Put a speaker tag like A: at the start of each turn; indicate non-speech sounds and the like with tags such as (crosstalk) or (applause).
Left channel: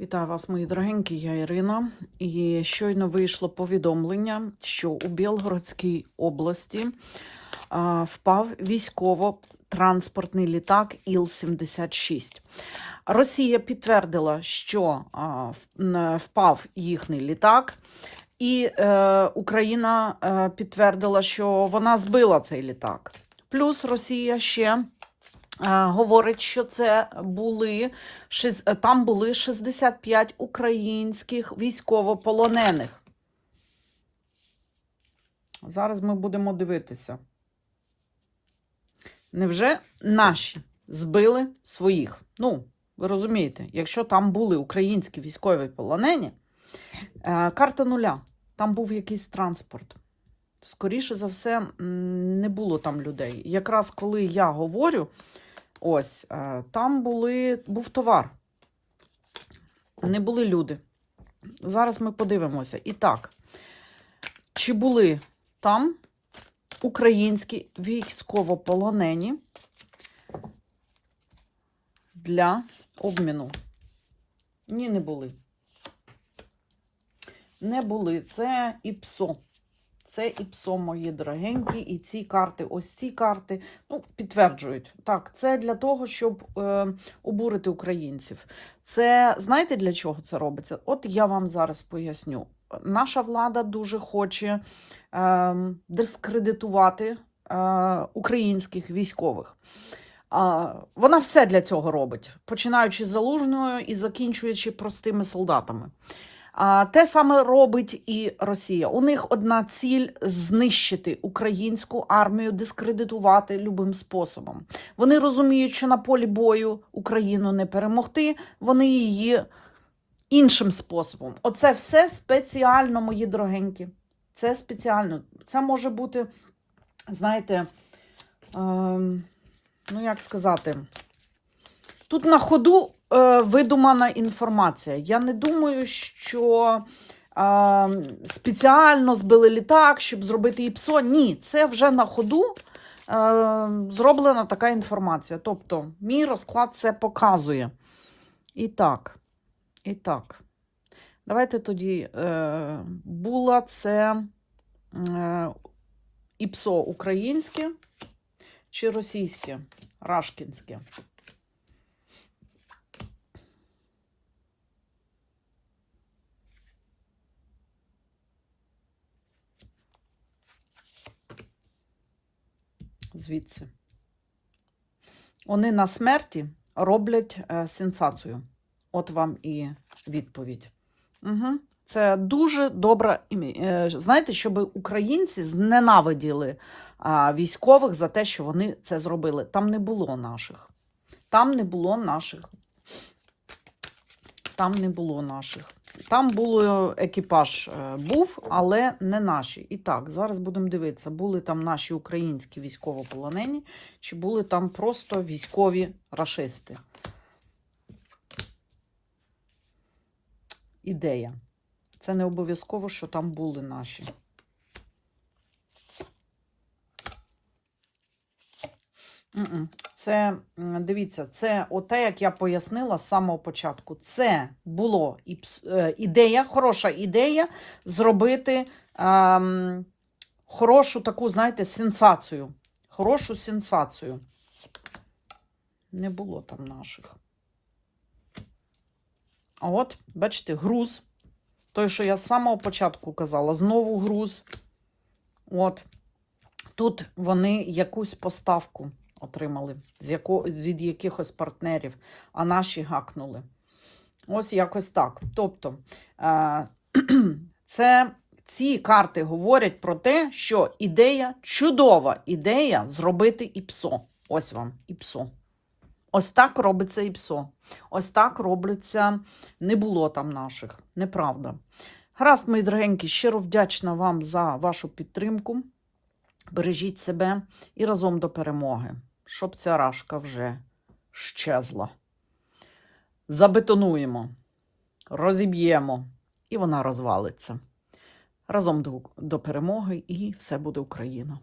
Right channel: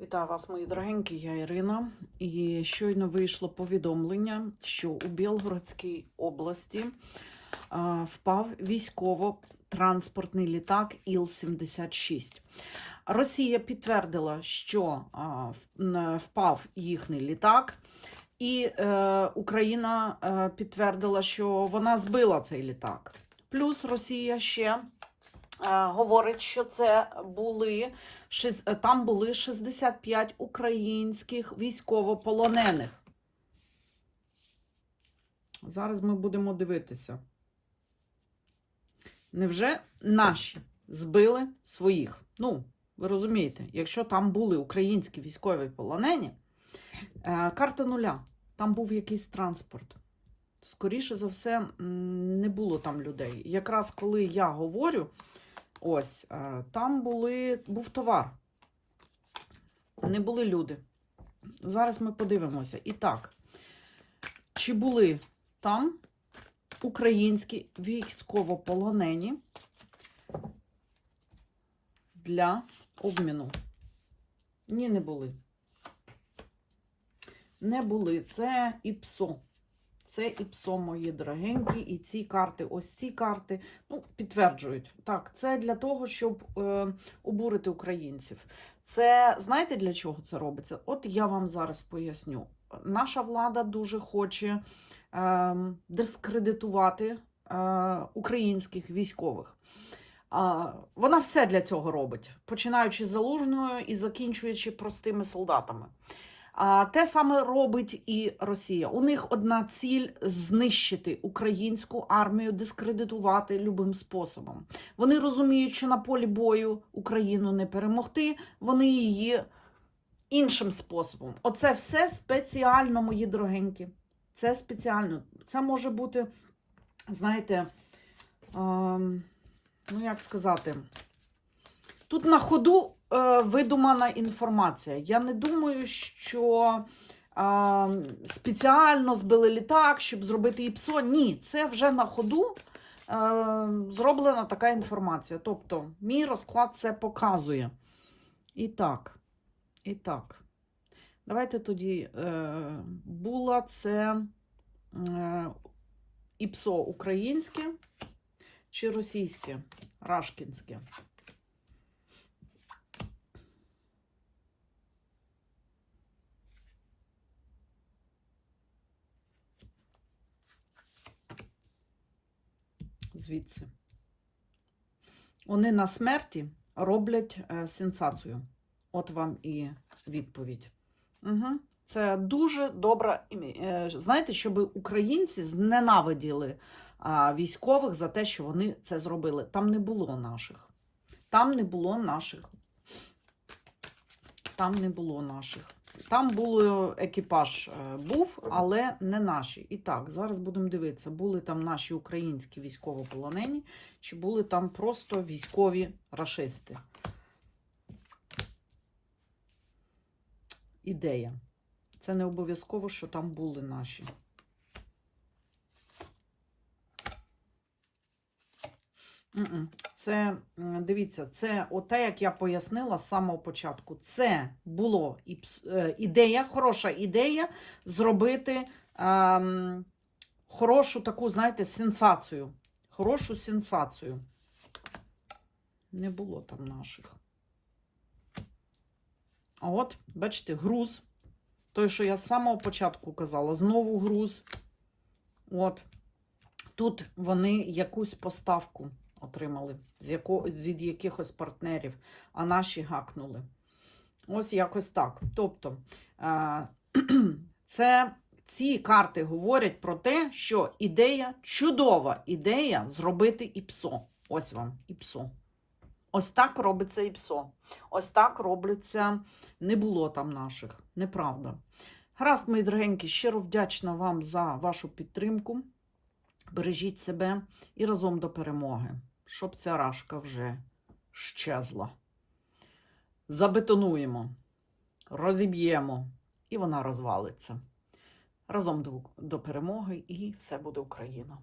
A: Вітаю вас, мої дорогенькі, я Ірина. І щойно вийшло повідомлення, що у Білгородській області а, впав військово-транспортний літак Іл-76. Росія підтвердила, що а, впав їхній літак, і е, Україна е, підтвердила, що вона збила цей літак. Плюс Росія ще говорить, що це були е, там були 65 українських військовополонених. Зараз ми будемо дивитися. Невже наші збили своїх? Ну, ви розумієте, якщо там були українські військові полонені, е, карта нуля, там був якийсь транспорт. Скоріше за все, не було там людей. Якраз коли я говорю, ось е, там були, був товар, не були люди. Зараз ми подивимося. І так, чи були там українські військовополонені для обміну? Ні, не були. Не були. Це ІПСО. Це ІПСО, мої дорогенькі, і ці карти, ось ці карти, ну, підтверджують. Так, це для того, щоб е, обурити українців. Це знаєте для чого це робиться? От я вам зараз поясню. Наша влада дуже хоче е, дискредитувати е, українських військових. А, вона все для цього робить, починаючи з залужною і закінчуючи простими солдатами. Те саме робить і Росія. У них одна ціль знищити українську армію, дискредитувати любим способом. Вони розуміють, що на полі бою Україну не перемогти, вони її іншим способом. Оце все спеціально, мої дорогенькі. Це спеціально. Це може бути, знаєте, ем, ну як сказати, тут на ходу е, видумана інформація. Я не думаю, що е, спеціально збили літак, щоб зробити ІПСО. Ні, це вже на ходу е, зроблена така інформація. Тобто, мій розклад це показує. І так, і так. Давайте тоді е, була це е, ІПСО українське чи російське, рашкінське. Звідси. Вони на смерті роблять е, сенсацію. От вам і відповідь. Угу. Це дуже добра е, Знаєте, щоб українці зненавиділи військових за те, що вони це зробили. Там не було наших. Там не було наших. Там не було наших. Там було екіпаж е, був, але не наші. І так, зараз будемо дивитися, були там наші українські військовополонені, чи були там просто військові рашисти. Ідея. Це не обов'язково, що там були наші. Це, дивіться, це оте, як я пояснила з самого початку. Це пс- е, ідея, хороша ідея зробити ем, хорошу таку, знаєте, сенсацію. Хорошу сенсацію. Не було там наших. А от, бачите, груз. Той, що я з самого початку казала, знову груз. От. Тут вони якусь поставку отримали з яко, від якихось партнерів, а наші гакнули. Ось якось так. Тобто, е, (clears throat) це ці карти говорять про те, що ідея, чудова ідея зробити ІПСО. Ось вам ІПСО. Ось так робиться ІПСО. Ось так робиться. Не було там наших. Неправда. Гаразд, мої дорогенькі, щиро вдячна вам за вашу підтримку. Бережіть себе і разом до перемоги, щоб ця рашка вже щезла. Забетонуємо, розіб'ємо, і вона розвалиться. Разом до, до перемоги, і все буде Україна.